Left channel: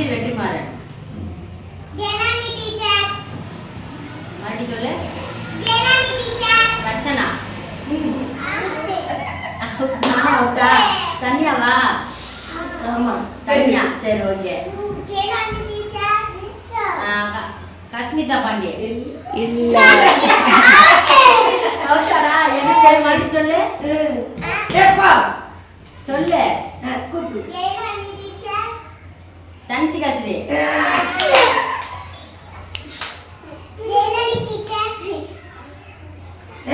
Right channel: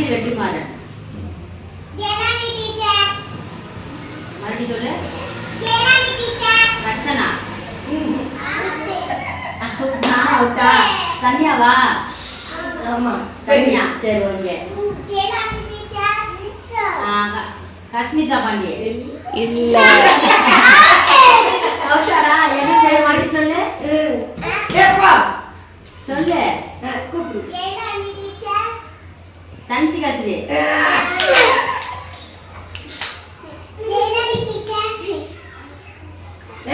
மயில் வெற்றிமாறன் மறுபடியும் சொல்லு. ரக்ஷனா. நானா அவுட்டா கன்யாவா? ஆமா. கன்யா. சரி ஓகே. கஷ்மிதா பாண்டியே இல்ல. அவுட்டாரா என்ன பேர் மறுபடியும் சொல்லு சொல்லு. கூப்பிடு தனிச்சு கசிரி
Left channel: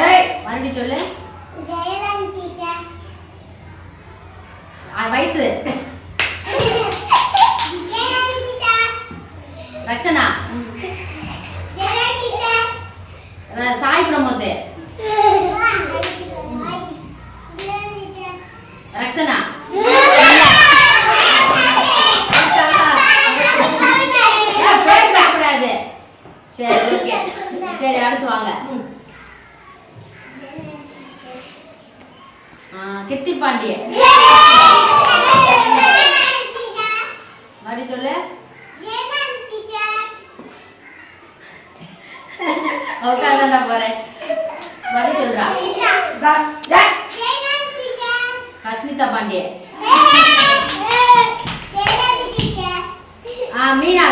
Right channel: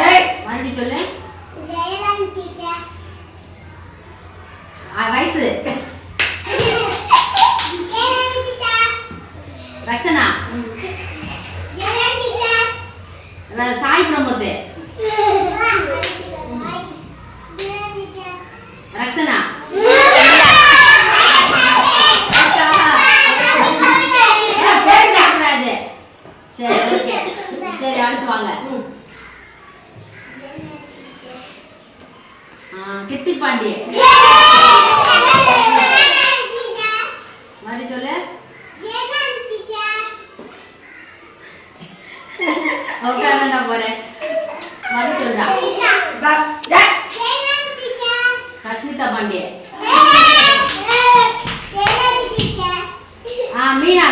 ஏய். மறுபடியும் சொல்லு. ஆ, வயசு. ரக்ஷனா. சாய் பிரமோத் ரக்ஷனா. சரி சரி அடுத்து வாங்க ஆ, கிருத்தி பாண்டிய மறுபடியும் சொல்லு உட்கார போறேன் மறுபடியும் சொல்றா கஸ்மிதா பாண்டிய ஆ மீனா